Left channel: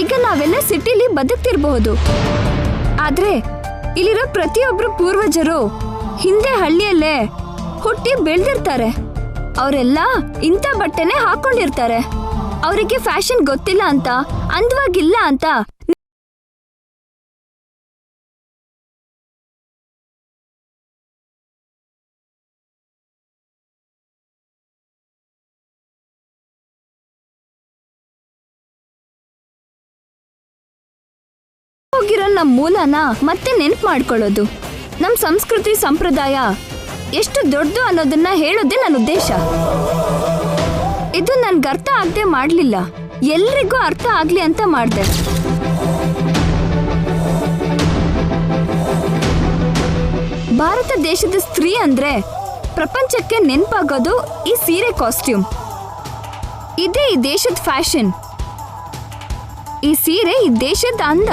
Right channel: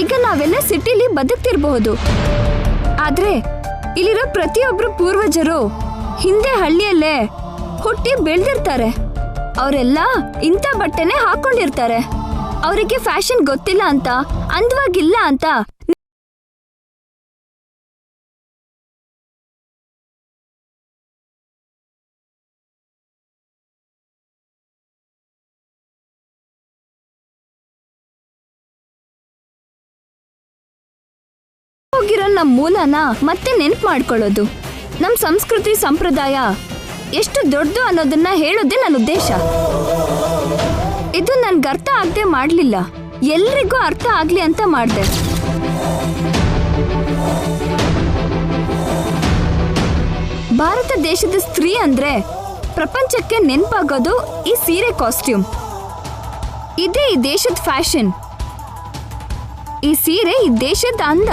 ಈಗ ನಾವೆಲ್ಲ ಸಿಟಿಲಿ ಬದುಕ್ತಿರ್ಬಹುದು, ಆದ್ರೆ ಇಲ್ಲಿರೋ ಪ್ರತಿಯೊಬ್ರು ಪೂರ್ವಜರು ಹಿಂದೆ ಹಳ್ಳಿಯಲ್ಲೇ ಹುಟ್ಟಿ ಬೆಳೆದಿರ್ತಾರೆ. ಅವರೆಲ್ಲ ಇಂಥ ಬಟ್ಟೆನೆ ಹಾಕೊಂಡಿರ್ತಾರೆ. ಅವರಿಗೆ ಫ್ಯಾಷನ್ ಗೊತ್ತಿಲ್ಲ ಅಂತ, ಅಂದವಾಗಿಲ್ಲ ಅಂತ ಹೋಗಿರೋ ನಮ್ಮ ಮೂಲನ ಮತ್ತೆ ನೆನ್ಪು ಮಾಡ್ಕೊಳ್ಳೋದು, ನಮ್ಮ ಸಂಸ್ಕೃತಿ ಸಂಪ್ರದಾಯ ಎಷ್ಟು ದೊಡ್ಡದು ಅನ್ನೋದನ್ನ ಹೇಳೋದೇ ನನ್ನ ಉದ್ದೇಶ. ಇದು ನನ್ಗೆ ಅರ್ಥ ಆಗದೆ ಮಾಡಲಿಲ್ಲ, ಎಲ್ರಿಗೂ ಅರ್ಥ ಆಗ್ಲಿ ಅಂತ ಮಾಡಿದೆ. ಭಾರತ ದೇಶದ ಸ್ತ್ರೀ ಅಂದ್ರೆ ಪ್ರಪಂಚಕ್ಕೆ ನೆನಪಾಗೋದು ಈ ಸೀರೆ ಕಾಸ್ಟ್ಯೂಮ್. ಇದೇ ಈ ದೇಶದ ಫ್ಯಾಷನ್. ಈ ಸೀರೆ ಈ ದೇಶದ ಅಂದ.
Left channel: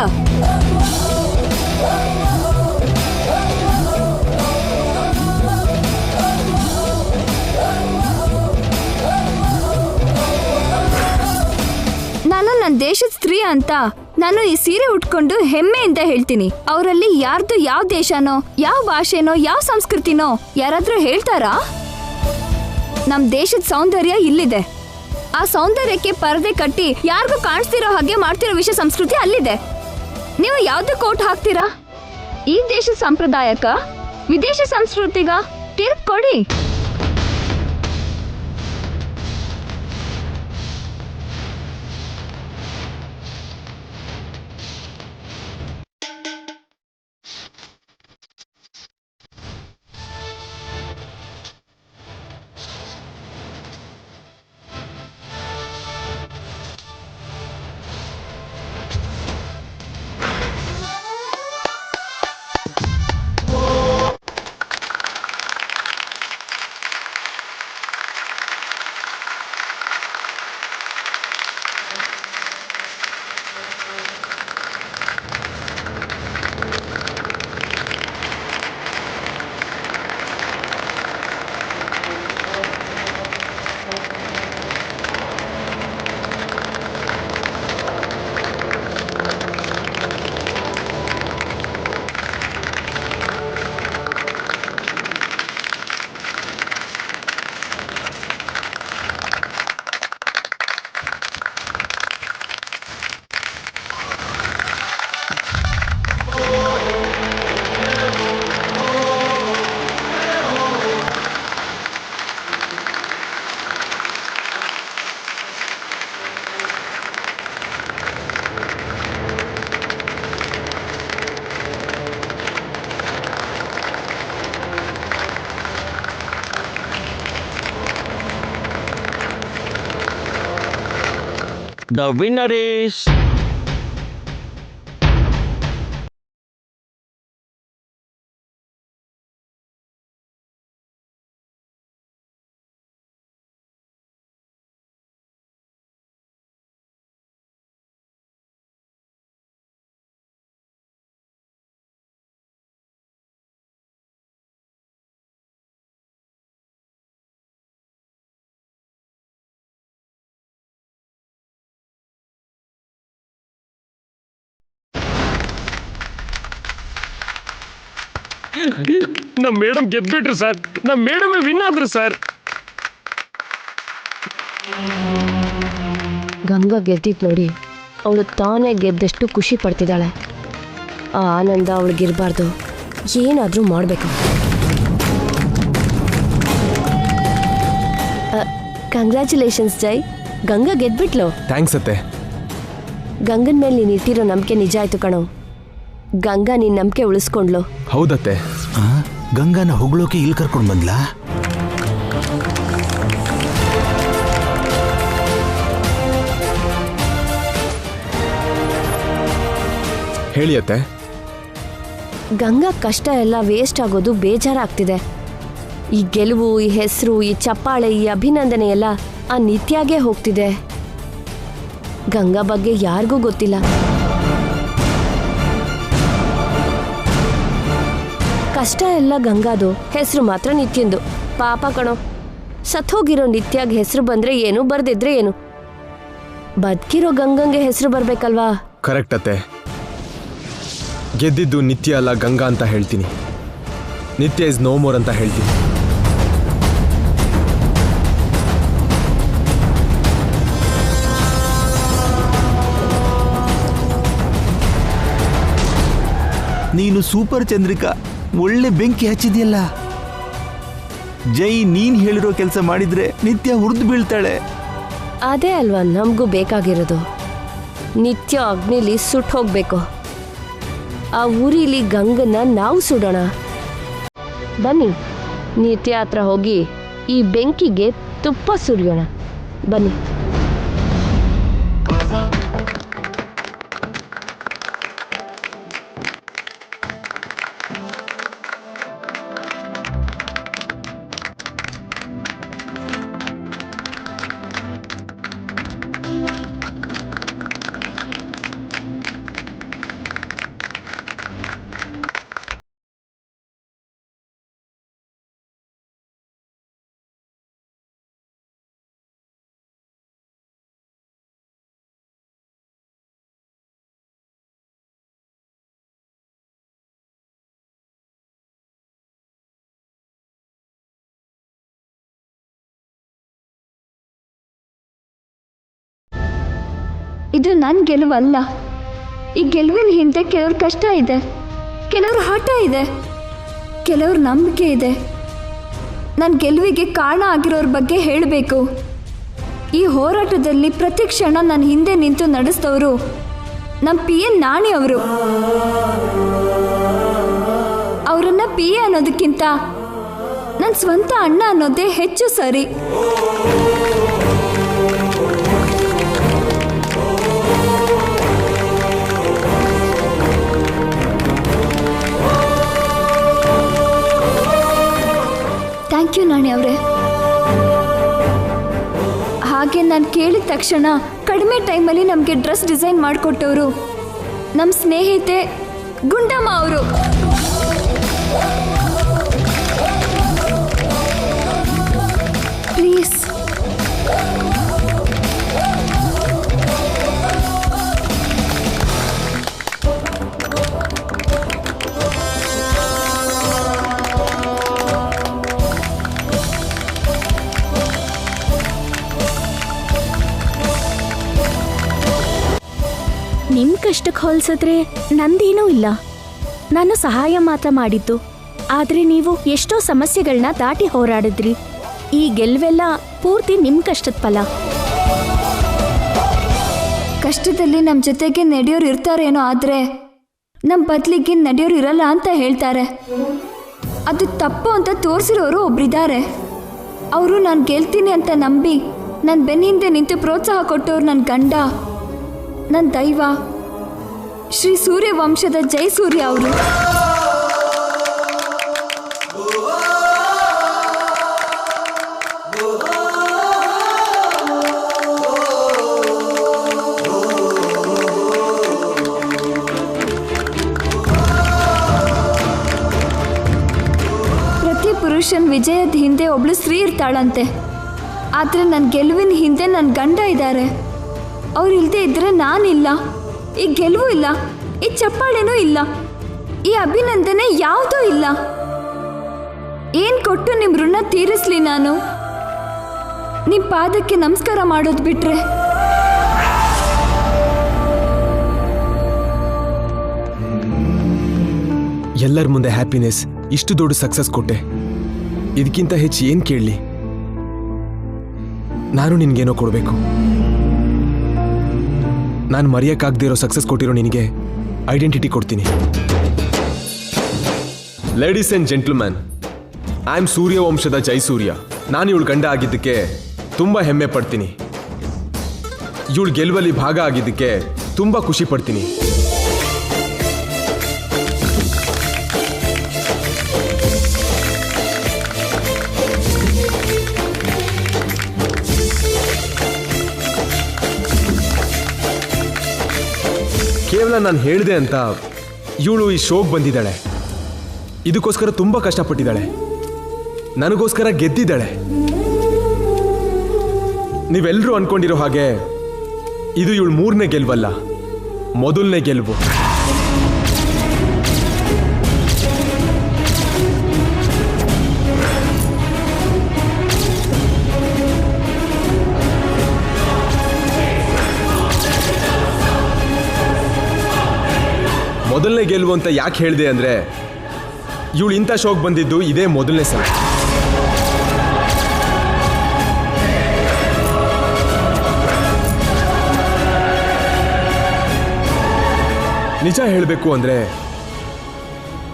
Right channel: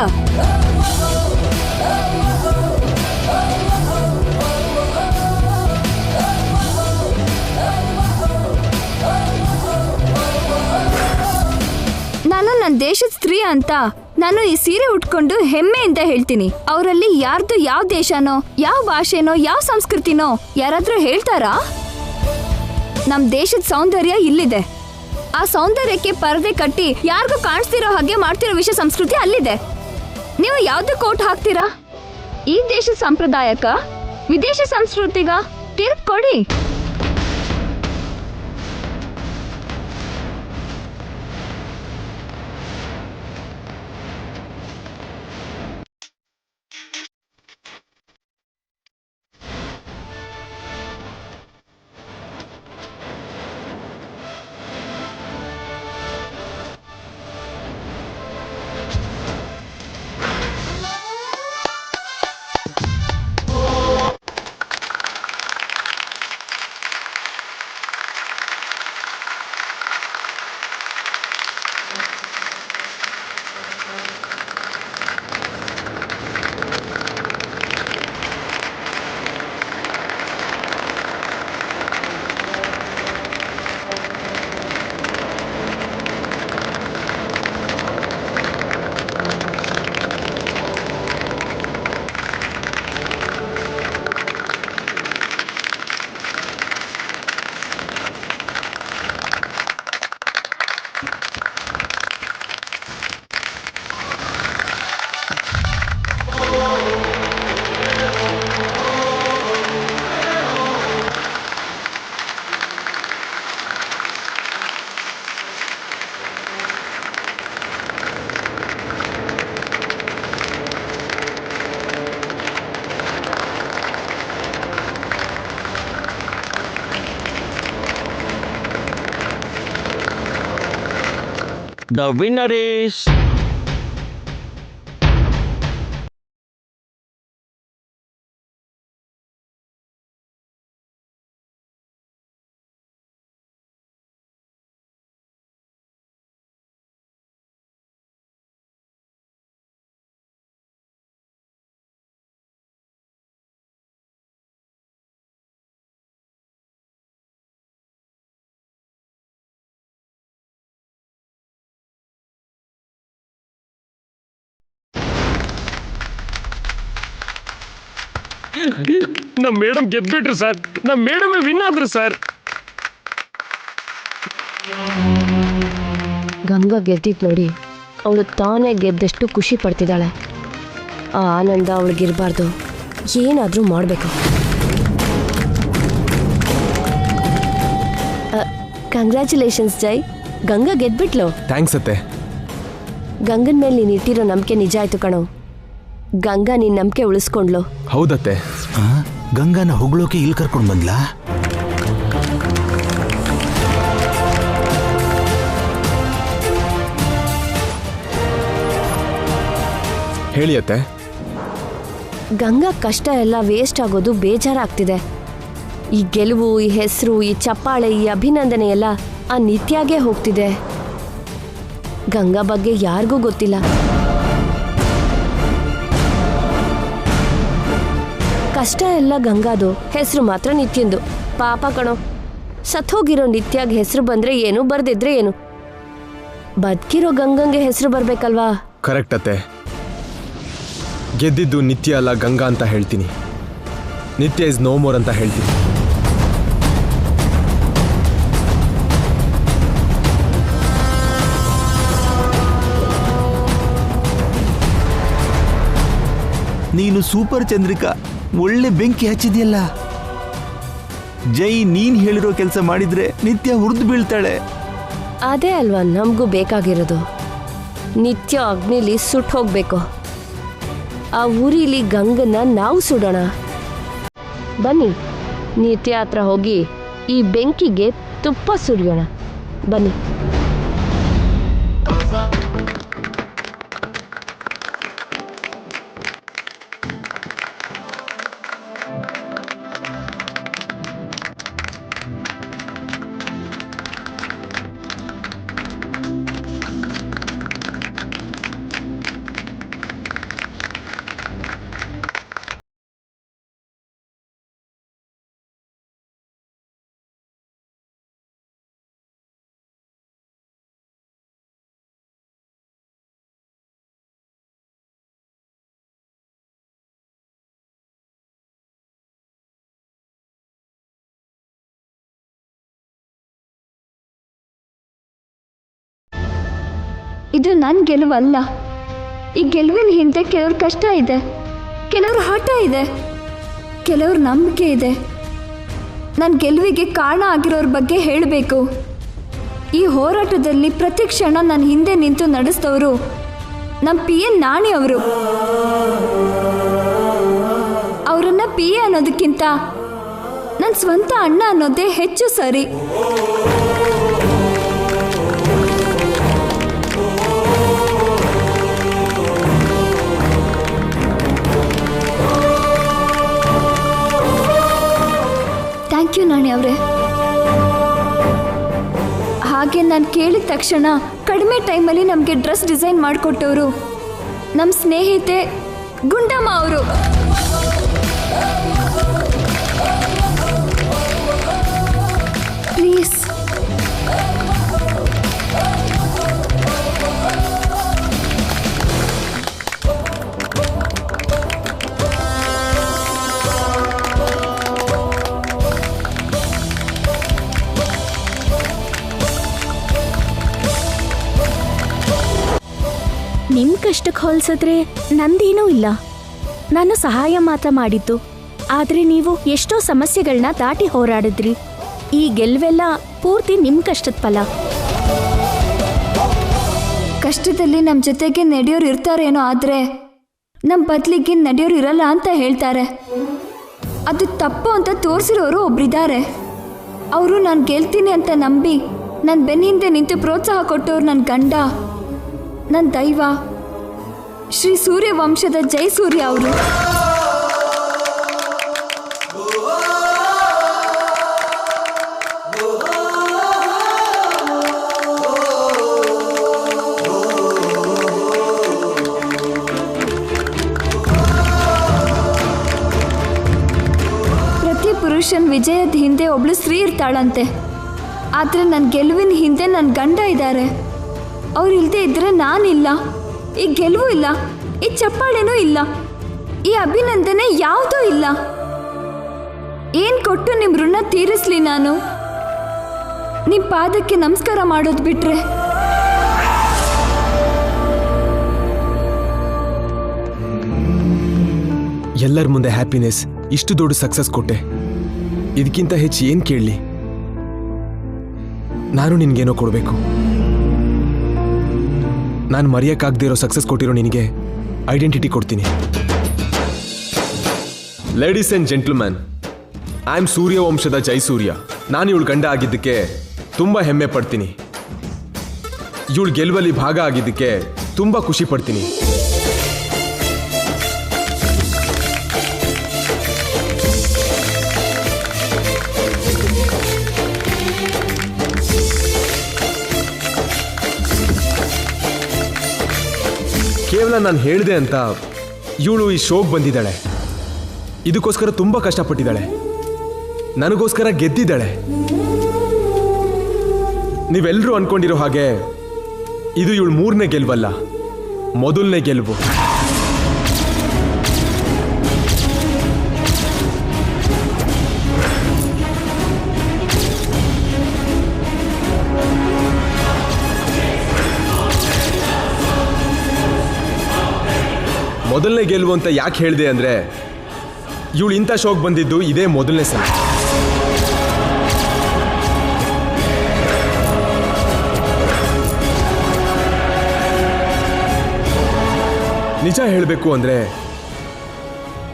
ನಾನು ನನ್ನ ದೇಶದ ಸ್ತ್ರೀ ಅಂತ ನಾನು ಈ ಸೀರೆ ಉಟ್ಕೊಂಡು ಹೆಮ್ಮೆಯಿಂದ ಹೇಳ್ತೀನಿ. ಅವರಲ್ಲಿ ಯಾರ್ದು ಯಾವ ದೇಶನೋ, ಯಾವ ಭಾಷೆನೋ, ಯಾವ ಸಂಸ್ಕೃತಿನೋ ಯಾರಾದ್ರೂ ಹೇಳ್ತಾರಾ? ನಮ್ ದೇಶದ ಸೌಂದರ್ಯ ಇಲ್ಲಿದೆ. ಆ ಸೌಂದರ್ಯಕ್ಕೆ ಪರದೆ ಕಟ್ಟಿ ಯಾರಿಗೂ ಕಾಣಿಸ್ತಿರೋ ಹಾಗೆ ಮಾಡ್ತಿರೋ ವಿಷಯ ಸಂಸ್ಕೃತಿ ಅಲ್ಲಿದೆ. ನೀವು ಯಾವ್ದು ಕೋಟ್ ಹಾಕ್ತೀರಾ? ಈ ದೇಶದ ಸಂಪ್ರದಾಯಕ್ಕ, ವಿದೇಶ ಸಂಸ್ಕೃತಿಗ ತೀರ್ಪು ಕೊಡಿ. The winner is ನಮ್ಮ ಮೇಡಮ್ ಗೆದ್ಬಿಟ್ರು ಸರ್. ನಮ್ಮ ಮೇಡಮ್ ವಿನ್ ಆದ್ರು ಸರ್. ಗಂಗಾ ಗೆದ್ದಿದ್ದು ನೋಡಿ ಅವಳು ತಾನೇ ಗೆದ್ದಷ್ಟು ಖುಷಿ ಪಡ್ತಿದ್ದಾಳೆ. ಆ ಆನಂದ ಅವಳಿಗಿರಬಾರ್ದು, ಏನಾದರೂ ಮಾಡಬೇಕು. ಕಂಗ್ರ್ಯಾಚುಲೇಷನ್ಸ್ ಜೈ, ಗಂಗಾ ಗೆದ್ಬಿಟ್ಲು. ಥ್ಯಾಂಕ್ಸ್ ಅತ್ತೆ. ಗಂಗನ ಮೇಲೆ ನೀನು ಇಟ್ಟಿರೋ ನಂಬಿಕೆ ನಿಜ ಆಯ್ತು ಕಣೋ. ಗಂಗಾ ನಿನ್ನ ನಂಬಿಕೆ ಉಳಿಸ್ಕೊಂಡ್ಲು. ಹೌದತ್ತೆ. ಗಂಗಾನ ಹೊಗಳೋಕೆ ಇಲ್ಲಿ ಕರ್ಕೊಂಡು ಬಂದ್ಲಾ? ಹೇಳಿ ಅತ್ತೆ. ಗಂಗಾ ಕಷ್ಟ ಎಲ್ಲ ವೇಸ್ಟ್ ಆಗೋದು ಬೇಜಾರಾಗ್ತಿದೆ. ಈ ಗೆಲುವು, ಈ ಹೆಸರು, ಈ ಚಪ್ಪಾಳೆ, ಈ ಅಭಿನಂದನೆ ಎಲ್ಲ ಆ ನಿತ್ಯಾಗೆ ಹೋಗ್ತಿದೆ. ಗಂಗಾ ಬಗ್ಗೆ ಯಾರಿಗೂ ಗೊತ್ತಿಲ್ಲ. ಕಷ್ಟ ಎಲ್ಲ ಗಂಗಾದು, ಹೆಸರು ಮಾತ್ರ ನಿತ್ಯಂದು. ಪಾಪ ಕಣೋ, ಸತ್ತೋಗಿರೋ ನಿತ್ಯಾಗ ಹೆಸರು ಬಂದ್ರೆ ಏನು, ಬರ್ದಿದ್ರೆ ಏನು. ಬದುಕಿರೋ ಗಂಗಂಗೆ ಹೆಸರು ಬರ್ಬೇಕಲ್ವಾ? ಕರೆಕ್ಟ್ ಅತ್ತೆ. ಗೆದ್ದಿದ್ದು ನಿತ್ಯ ಅಲ್ಲ ಗಂಗಾ ಅಂತ ಹೇಳ್ತೀನಿ. ನಿತ್ಯ ಇಸ್ ನೋ ಮೋರ್ ಅಂತ ಹೇಳ್ತೀನಿ. ನೀನು ಸೂಪರ್ ಚಂದ್ರಿಕಾ, ಒಳ್ಳೆ ಬೆಂಕಿ ಹಚ್ಚಿದ್ಯಲ್ಲ. ಜೈ ನೀನ್ ಹೇಳಿರೋ ಕೆಲಸ ಮಾಡಿದ್ರೆ ನಿತ್ಯ ಹುರಿದು ಬೀಳ್ತಾಳೆ. ಅದೇ ಅಲ್ವಾ ನಮಗೂ ಬೇಕಾಗಿರೋದು. ನಿತ್ಯ ಅಗ್ನಿಲಿ ಸುಟ್ಟು ಹೋಗ್ಬೇಕು. ಆ ಉರಿಲಿ ಗಂಗನ್ನ ನಾವು ಸುಡೋಣ. ಬನ್ನಿ ನಿತ್ಯ ಹತ್ರ ಹೋಗಿ ಈ ಬೆಂಕಿಗೆ ತುಪ್ಪ ಸುರಿಯೋಣ. ಬನ್ನಿ. ಇದು ನನ್ನ ಗೆಲುವಲ್ಲ. ಈ ಗೆಲುವಿನ ಹಿಂದೆ ಕೆಲವ್ರ ಕಷ್ಟ ಇದೆ, ಕೆಲವ್ರ ಹಠ ಇದೆ, ಕೆಲವ್ರ ನಂಬಿಕೆ ಇದೆ. ನನ್ನ ಗೆಲುವಿಗೆ ಕಾರಣ ಆಗಿರೋರ ಬಗ್ಗೆ ಹೇಳಬೇಕು. ಈ ಹೋರಾಟದಲ್ಲಿ ಪ್ರತಿ ಕ್ಷಣ ನನ್ನ ಹಿಂದೆ ನಿಂತು ನಡೆಸಿದವರು ನಮ್ಮ PN ನಾಣಿ ಅವರು. ಅವರನ್ನು PA ಅನ್ನೋದಕ್ಕಿಂತ ನನ್ನ ಸ್ವಂತ ಅಣ್ಣ ಅನ್ನೋದೇ ಹೆಚ್ಚು ಸರಿ. ಥ್ಯಾಂಕ್ ಯು ನಾಣಿ ಅವರೇ. ಹಾಗೆ ನಾನು ಕೇಳಿದ ತಕ್ಷಣ ಕಡಿಮೆ ಟೈಮಲ್ಲಿ ನಮಗೆ ಡ್ರೆಸ್ ಡಿಸೈನ್ ಮಾಡಿಕೊಟ್ಟವರು ನಮ್ಮ ಸ್ನೇಹಿತೆ ಗುಂಡಮ್ಮ ಅವರು. ಪ್ಲೀಸ್ ನಿಮ್ ಕಷ್ಟಕ್ಕೆ ಹೋಲಿಸಿದ್ರೆ ನಂದೇನೂ ಇಲ್ಲ. ನಾನು ಸಹಾಯ ಮಾತ್ರ ಮಾಡಿದ್ದು. ಆದ್ರೆ ನೀವು ಎಷ್ಟೋ ಸಮಸ್ಯೆಗಳನ್ನ ದಾಟಿ ಹೋರಾಡಿದ್ರಿ. ಈ ಗೆಲ್ವೆಲ್ಲ ಪೂರ್ತಿ ನಿಮ್ ಕಷ್ಟದ ಫಲ. ಕಷ್ಟದಲ್ಲಿ ನಮ್ಮ ಜೊತೆಗೆ ನಡೆಯೋರು ಇರ್ತಾರೇನೋ, ಆದರೆ ನಮ್ಮ ಬದಲಿಗೆ ನಡೆಯೋರು ಇರಲ್ಲ ಅಂತ ಹೇಳ್ತಾರೆ. ಅದು ತಪ್ಪು ಅಂತ ತೋರಿಸಿರೋರು ಒಬ್ರಿದ್ದಾರೆ. ಅವರು ನಾನು ಗೆಲ್ತೀನಿ ಅಂತ ನಂಬಿ ನನ್ನ ಬೆನ್ನ ಹಿಂದೆ ನಿಂತು ಪ್ರೋತ್ಸಾಹ ಕೊಟ್ಟವ್ರು ನನ್ನ ಗಂಡ, ನನ್ನ ದೈವ, ಶ್ರೀ ಸೂರ್ಯವಂಶದ ಜಯಸೂರ್ಯ ಅವರು. ಪ್ರತಿ ಪುರುಷನ ವಿಜಯದ ಹಿಂದೆ ಒಬ್ಳು ಸ್ತ್ರೀ ಇರ್ತಾಳಂತೆ. ಆದರೆ ನನ್ನ ಗೆಲುವಿನ ಹಿಂದೆ ನನ್ನ ಗಂಡ ಇದ್ದಾರೆ. ಅವ್ರು ಇಲ್ಲದೆ ಇದ್ರೆ ನಾನಿಲ್ಲ, ಈ ಗೆಲುವು ಇಲ್ಲ, ಈ ಚಪ್ಪಾಳೆನೂ ಇಲ್ಲ, ಈ ಅಭಿನಂದನೆ ಯಾವುದೂ ಇಲ್ಲ. ಏನು ಕೊಟ್ಟು ನಿಮ್ಮ ಋಣ ತೀರಿಸ್ಲಿ ನಾನು? ನಿಮ್ಮ ಪಾದಕ್ಕೆ ನಮಸ್ಕಾರ ಮಾಡೋದು ಬಿಟ್ರೆ. ಎಲ್ಲರ ಮುಂದೆ ಹ್ಯಾಪಿನೆಸ್, ಇಷ್ಟು ದೊಡ್ಡ ಸಕ್ಸಸ್ ಕೊಟ್ಟೆ. ಇದಕ್ಕಿಂತ ಹೆಚ್ಚು ಏನು ಕೇಳಲಿ? ನಾನು ನಿನ್ಗೇನೋ ಕೊಡಬೇಕು. ನಾನು ಮರೆಯೋಕ್ಕಾಗದೇ ಇರೋ ಸಕ್ಸಸ್ ಕೊಟ್ಟಿರೋ ನಿನಗೆ ಐಡೆಂಟಿಟಿ ಕೊಡ್ತೀನಿ. Ladies and gentleman, I am ಸೂರ್ಯವಂಶದ ಜಯಸೂರ್ಯ. ನಾನು ಇವಳು ಗಂಡ ಆಗಿದ್ದಕ್ಕೆ ತುಂಬ ಹೆಮ್ಮೆ ಪಡ್ತೀನಿ. ಇವಳು ಗೆಲುವಲ್ಲಿ ಭಾಗ ಆಗಿದ್ದಕ್ಕೆ ತುಂಬ ಖುಷಿ ಪಡ್ತೀನಿ. ಕೇವಲ ನಾನು ಹೇಳಿದೆ ಅಂತ ಇವಳು ಈ ಶೋಗೆ ಬಂದಿದ್ದಾಳೆ. ಇದಕ್ಕೋಸ್ಕರ ತುಂಬ ಕಷ್ಟಪಟ್ಟಿದ್ದಾಳೆ, ನನಗೋಸ್ಕರ ಗೆದ್ದಿದ್ದಾಳೆ. ನೀವೆಲ್ಲರೂ ಅನ್ಕೊಂಡಿರೋ ಹಾಗೆ ಇದು ಇವಳು 3ನೇ ಗೆಲುವಲ್ಲ, ಮೊದಲನೇ ಗೆಲುವು. ಮೊದಲನೇ ಗೆಲುವು ಅಂತ ಯಾಕೆ ಹೇಳಿದೆ ಅಂದ್ರೆ, ಇವಳು ಇಂಥ ಶೋಕ್ ಬಂದಿದ್ದು ಇದೇ ಮೊದಲನೇ ಸಲ. ನಿಜ ಹೇಳಬೇಕು ಅಂದ್ರೆ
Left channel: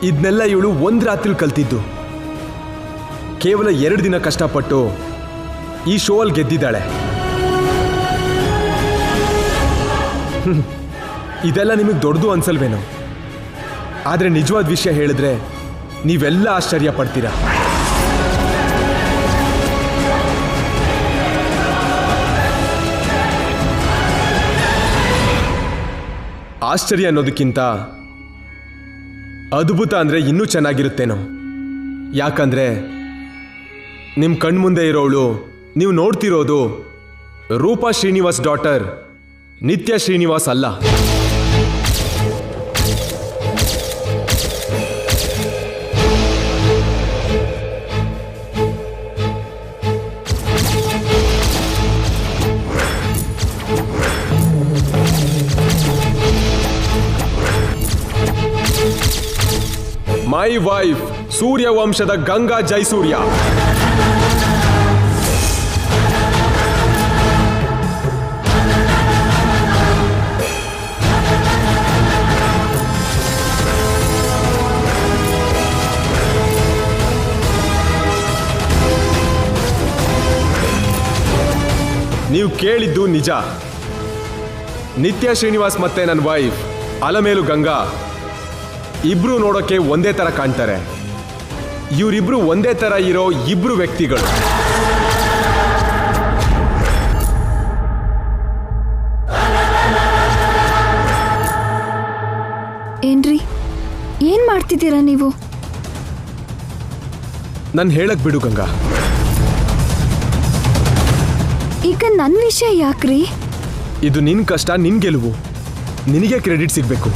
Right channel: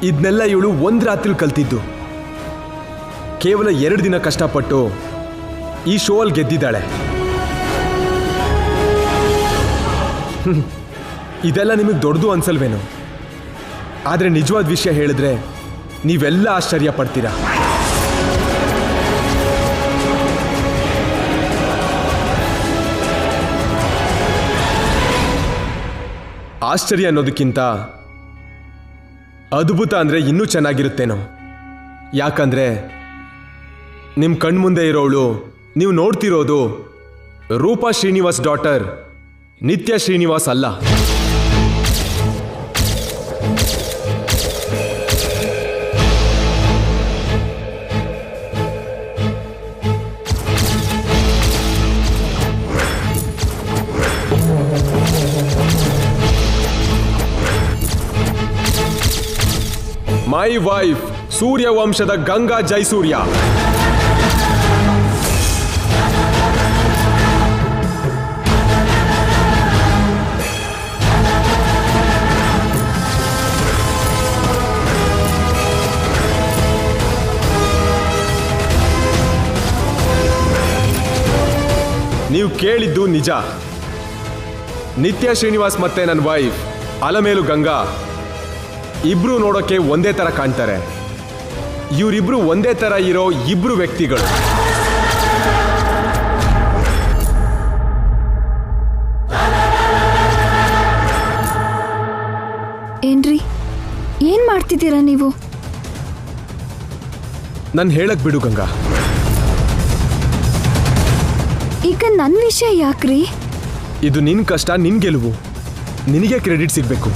ಇದನ್ನೆಲ್ಲ ಇವಳು ಒಂದು ರಾತ್ರಿ ಕಲ್ತಿದ್ದು. ಕೇವಲ 2 ದಿನ ಕಷ್ಟಪಟ್ಟು ಈ ಶೋ ಅಲ್ಲಿ ಗೆದ್ದಿದ್ದಾಳೆ. ಇದೆಲ್ಲ ನಿಮಗೆ ದೊಡ್ಡದು ಅನ್ಸಲ್ವೇನೋ, ಆದರೆ ನಿಜವಾದ ವಿಷಯ ಹೇಳಿದ್ರೆ ನೀವೆಲ್ಲ ಆಶ್ಚರ್ಯ ಪಡ್ತೀರಾ. ಆಶ್ಚರ್ಯ ಅನ್ನೋದಕ್ಕಿಂತ ಅದ್ಭುತ ಅಂದರೆ ಇನ್ನೂ ಚೆನ್ನಾಗಿರುತ್ತೇನೋ. ಯಾಕಂದ್ರೆ ನಿಮ್ಮ ಕಣ್ಮುಂದೆ ಇರೋಳು ನೀವು ನೋಡ್ತಿರೋದು ರೂಪಾ ಶ್ರೀನಿವಾಸ್ ಡಾಟರ್ ನಿತ್ಯ ಶ್ರೀನಿವಾಸ್ ಅಲ್ಲ. ಮೈ ವೈಫ್ ಸೂರ್ಯವಂಶದ ಗಂಗಾ ಜೈಸೂರ್ಯ. ನೀವು ಕೇಳಿದ್ದು ನಿಜ. ನಿತ್ಯ ಶ್ರೀನಿವಾಸ್ ಮತ್ತೆ ನನ್ನ ವೈಫ್ ಅಲಮೇಲು ಗಂಗಾ ಇಬ್ರು ನೋಡೋಕೆ ಒಂದೇ ತರ ಕಾಣ್ತಾರೆ. ಇವರಿಬ್ರು ಒಂದೇ ತರ ಇರೋ ಇಬ್ರು ವ್ಯಕ್ತಿಗಳು. ಏನ್ರಿ, ಏನ್ ಮಾಡ್ತಿದ್ದೀರಾ ನೀವು? ನನ್ ಹೇಳಕ್ ಬಿಡು ಗಂಗಾ. ಈಗ ನನ್ನ ವಿಷಯ ಯಾಕ್ರಿ? ಇದು ನಿನ್ ಕಷ್ಟ, ನಿನ್ ಗೆಲುವು, ನಿನಗೆ ಕ್ರೆಡಿಟ್ ಸಿಗ್ಬೇಕು.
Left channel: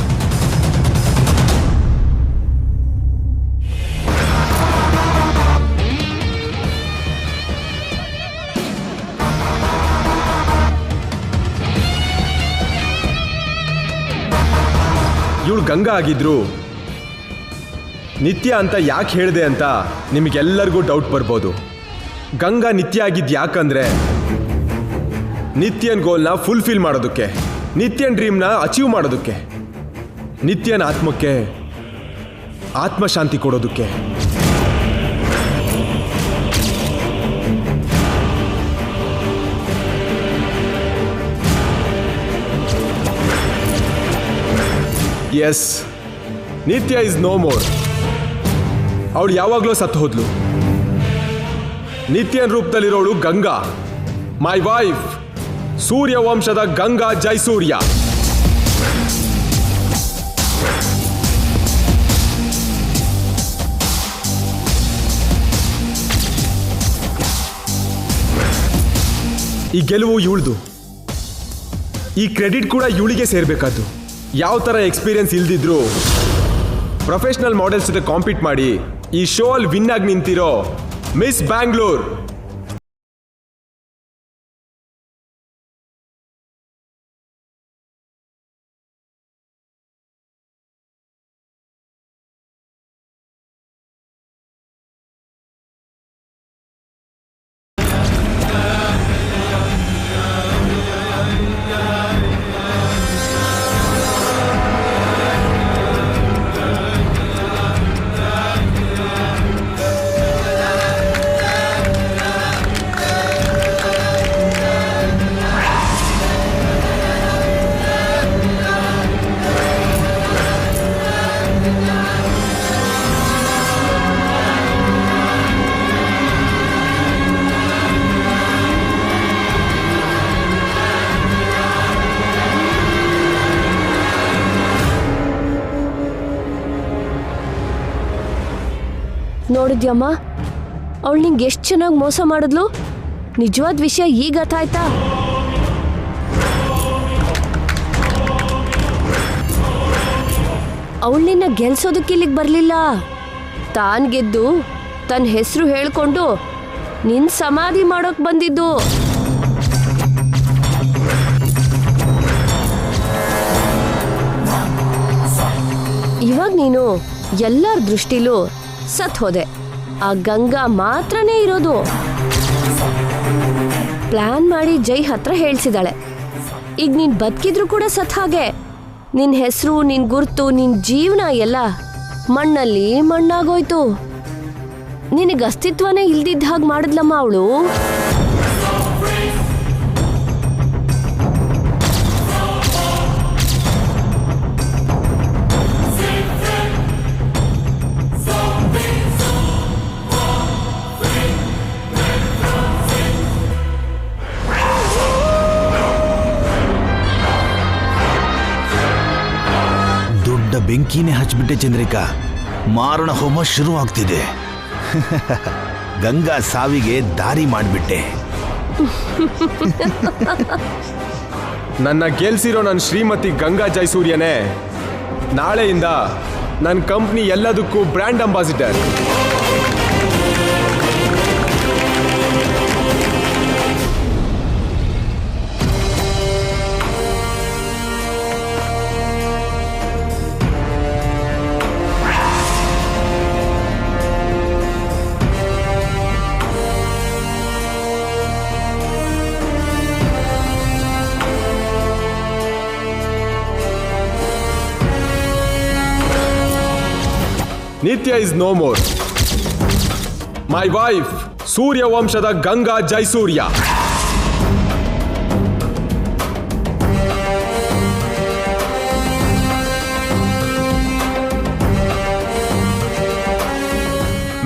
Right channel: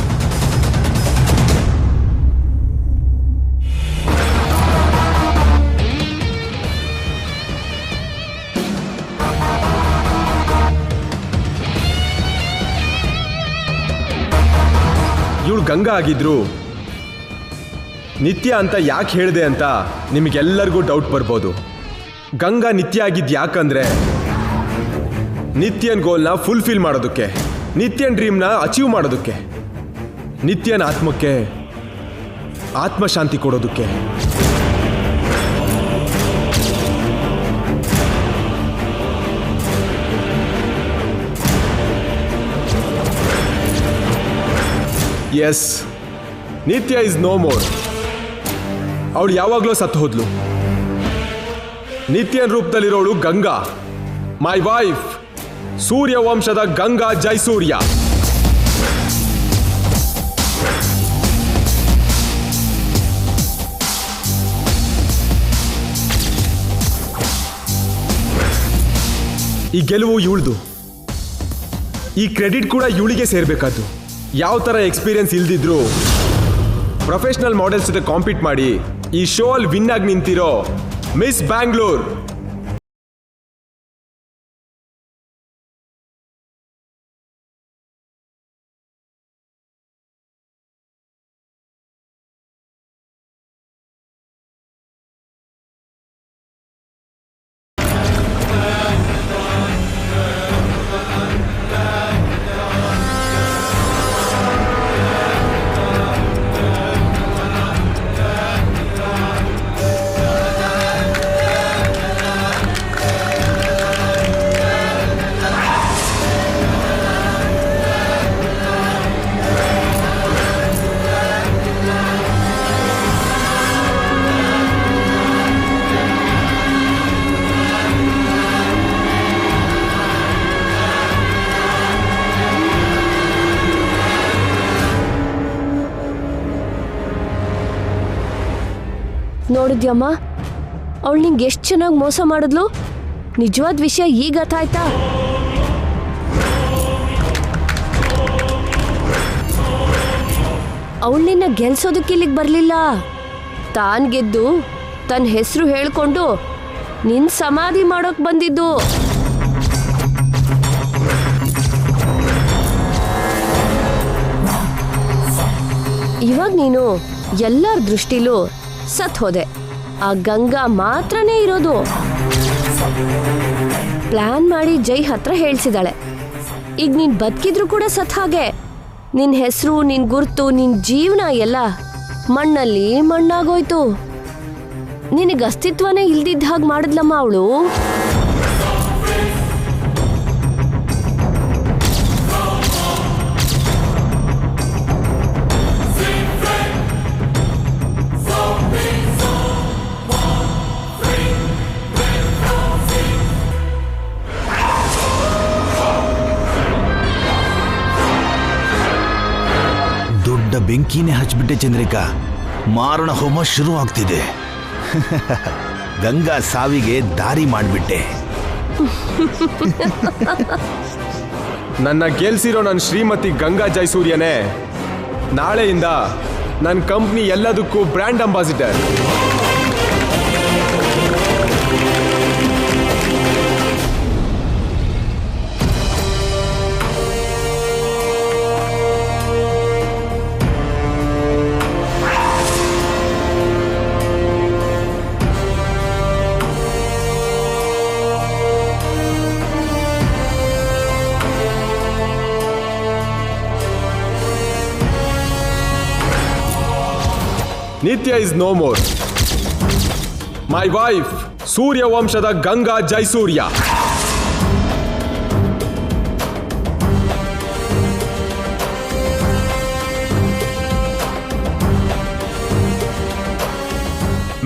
ಇವಳು ಗಂಗಾ ಆಗಿದ್ರು ನಿತ್ಯ ಅಂತ ಯಾಕೆ ಹೇಳಿದೆ ಅಂತ ನಿಮಗೆಲ್ಲರಿಗೂ ಡೌಟ್ ಬರ್ಬೋದು. ಗಂಗಾ ನಿತ್ಯ ಆಗಿದ್ದು ಯಾಕಂದ್ರೆ ನಿತ್ಯನ್ ಗೋಲ್ನ ಫುಲ್ಫಿಲ್ ಮಾಡೋದಕ್ಕೆ, ನಿತ್ಯನ್ ಡ್ರೀಮ್ನ ಅಚೀವ್ ಮಾಡೋದಕ್ಕೆ, ನಿತ್ಯನ ಆತ್ಮಕ್ಕೆ ಆತ್ಮಶಾಂತಿ ಕೊಡೋದಕ್ಕೆ. ಎಸ್, ನಿತ್ಯ ಇಸ್ ನೋ ಮೋರ್. ಅವಳು ಯಾವಾಗಲೂ ಸತ್ತು ಹೋದ್ಲು. ನಿತ್ಯನ್ ರೂಪದಲ್ಲಿರೋಳು ಗಂಗಾ, ಮೈ ವೈಫ್ ಸೂರ್ಯವಂಶದ ಗಂಗಾ ಜೈಸೂರ್ಯ. ಈ ಗೆಲುವು ಇವಳ್ದು. ಈ ಕ್ರೆಡಿಟ್ ಕೂಡ ಇವಳಿಗೆ ಸೇರ್ಬೇಕಾದ್ದು. ಯಾವ ಥರ ಎಕ್ಸ್ಪೀರಿಯನ್ಸ್ ಇಲ್ದಿದ್ರು ಪ್ರೊಫೆಷನಲ್ ಮಾಡೆಲ್ಸ್ ಜೊತೆ ಕಾಂಪೀಟ್ ಮಾಡಿ ಈ ಶೋ ಅಲ್ಲಿ ವಿನ್ ಆಗಿ ನಿಂತಿರೋ ಮಿಸ್ ಬ್ಯಾಂಗ್ಳೂರ್. ನೋಡಿದ್ಯಮ್ಮ, ಅವಳು ನಿಂಗೆ ಎಷ್ಟು ಚೆನ್ನಾಗಿ ಮೋಸ ಮಾಡಿದ್ಲು. ನಿಜವಾದ ವಿಷಯ ಈಗ ಅರ್ಥ ಆಯ್ತಾ? ಅವಳನ್ನ ಗೆಲ್ಸೋದಕ್ಕೆ ಇಲ್ಲಿಗೆ ಬರ್ಲಿಲ್ಲ. ತಾನ್ ಗೆದ್ದು ತನ್ನ ಹೆಸರು ಹೇಳ್ಕೊಂಡು ನಿನ್ ಸಮಾಧಿ ಮಾಡೋಕ್ ಬಂದಿದ್ದು. ಇವಾಗ ನೀನು ಎಲ್ಲರ ದೃಷ್ಟಿಲೂ ಸತ್ ಹೋದೆ. ಆ ಗಂಗಾ ಮಾತ್ರನೇ ಇರೋದು. ಪ್ಲಾನ್ ಮಾಡಿ ಜೈ ಹತ್ರ ಹೇಳ್ಸಿದಾಳೆ. ಈಗ ನೀನ್ ಬದುಕಿದ್ರು ಕೂಡ ಸತ್ ಹಾಗೆ. ನಿನ್ ಹೆಸರು, ನಿನ್ ಗುರ್ತು, ನಿನ್ ಜೀವನ ಎಲ್ಲ ಮಣ್ಣಲ್ಲಿ ಮಣ್ಣಾಗೋಯ್ತು. ನಿನಗೆ ಅಸ್ತಿತ್ವನೇ ಇಲ್ದಿದ್ದ ಹಾಗೆ ಮಾಡಿದ್ಲಮ್ಮ ಅವಳು. ದೊಡ್ಡ ಬೆಂಕಿನೇ ಹಚ್ಬಿಟ್ಟೆ ಚಂದ್ರಿಕಾ. ಮಾರಣ ಹೋಮ ಶುರು ಆಗ್ತಿದೆ. ಗಂಗಾ ಸಾವಿಗೆ ದಾರಿ ಮಾಡಿಬಿಟ್ಟೆ. ನನ್ನ ಗೆಲ್ಸಿರೋ ನನ್ನ ಶ್ರೀಮತಿ ಗಂಗಾ ಜೈಸೂರ್ಯನೇ ನಾಳೆಯಿಂದ ನನ್ನ ಕಂಪ್ನಿ ಎಲ್ಲದಕ್ಕೂ brand ambassador. Nitya is no more. My wife, Surya ವಂಶದ ಗಂಗಾ ಜೈಸೂರ್ಯ.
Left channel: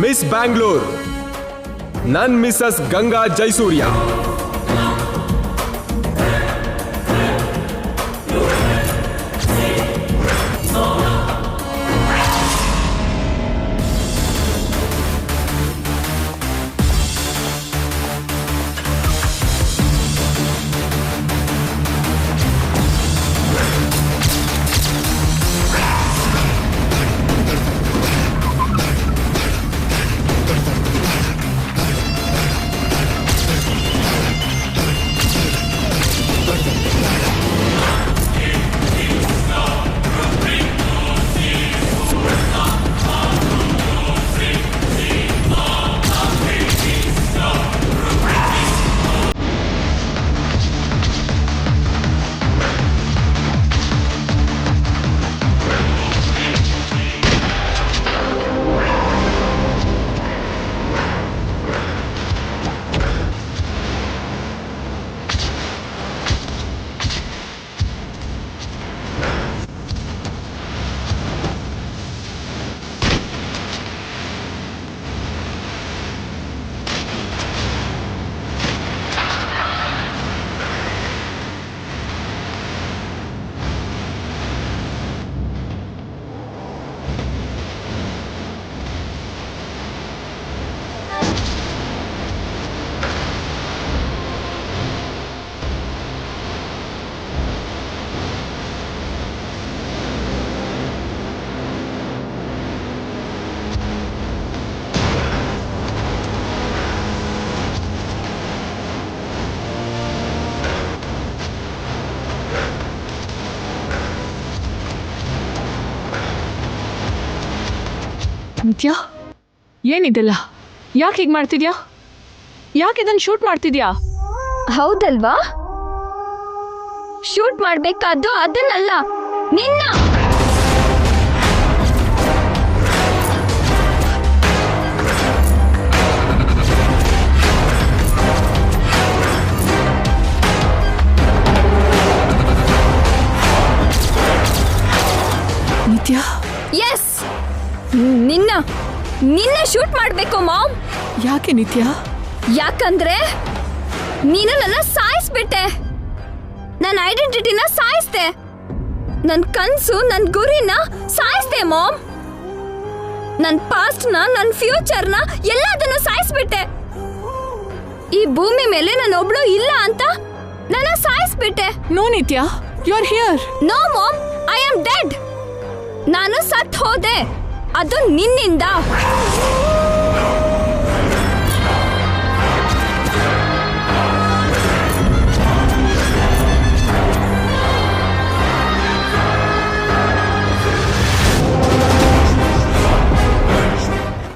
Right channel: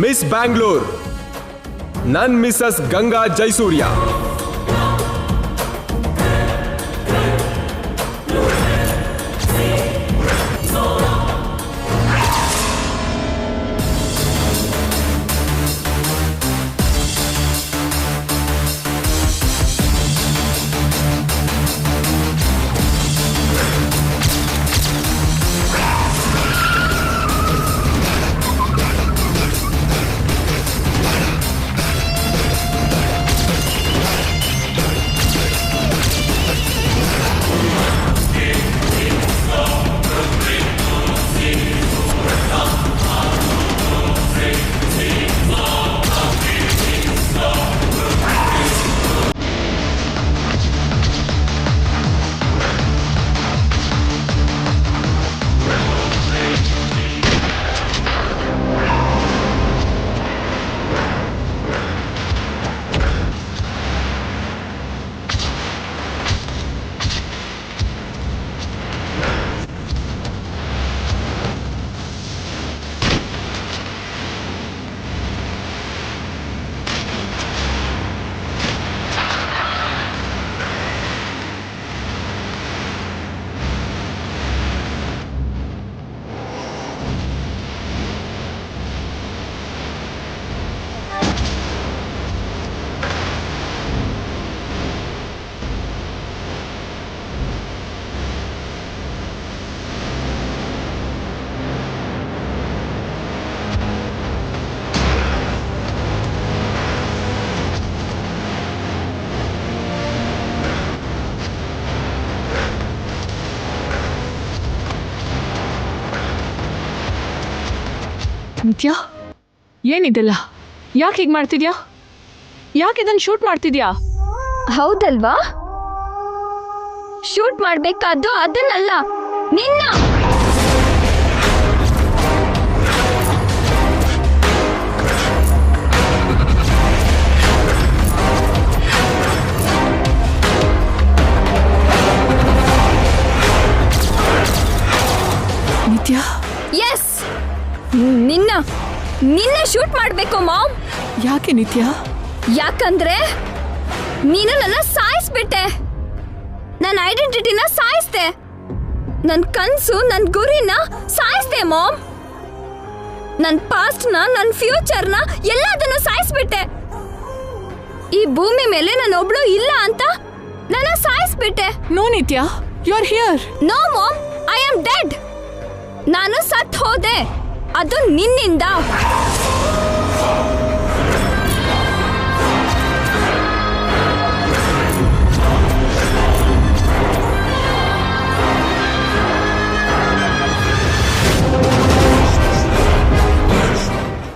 ಮಿಸ್ ಬ್ಯಾಂಗ್ಳೂರ್, ನನ್ ಮಿಸಸ್ ಗಂಗಾ ಜೈಸೂರ್ಯ. ನಿತ್ಯ, ಏನಿದೆಲ್ಲ? ಯಾಕೆ ಹೀಗೆ ಮಾಡ್ತಿದ್ಯಾ? ಯಾಕೆ ಇದನ್ನು ಶೂಟ್ ಮಾಡ್ತಿದ್ಯಾ? ಹೌದಲ್ವಾ? ಶೂಟ್ ಮಾಡ್ಬೇಕಾದ್ದು ಅದನ್ನಲ್ಲ, ನಿನ್ನ. ನಿತ್ಯ, ಎಸ್, ನಿನ್ನ ಶೂಟ್ ಮಾಡ್ಬೇಕು ಮಾಮ್. ಯಾಕೆ ನಿತ್ಯ? ಯಾಕಂದ್ರೆ ನೀನು ನನ್ನ ಸಾಯಿಸ್ಬಿಟ್ಟೆ. ನನ್ನ ಐಡೆಂಟಿಟಿನ ಸಾಯಿಸ್ದೆ. ನನ್ನ ಕನ್ಸು, ನನ್ನ ಗುರಿನ ಸಾಯಿಸ್ದೆ ಮಾಮ್. ನನ್ನ ಪಾಸ್ಟ್ನ, ನನ್ನ ಫ್ಯೂಚರ್ನ ಎಲ್ಲದನ್ನು ಸಾಯಿಸ್ಬಿಟ್ಟೆ. ಈ ಭೂಮಿ ಮೇಲೆ ನಾನು ಒಬ್ಳು ಇಲ್ಲ ಅಂತ ನನ್ನ ಸಾಯಿಸ್ಬಿಟ್ಟೆ. No Nitya, you are here. No mom, I am dead. ನಾನು ಸತ್ ಹೋದೆ, ಅದು ನಿನ್ನಿಂದ.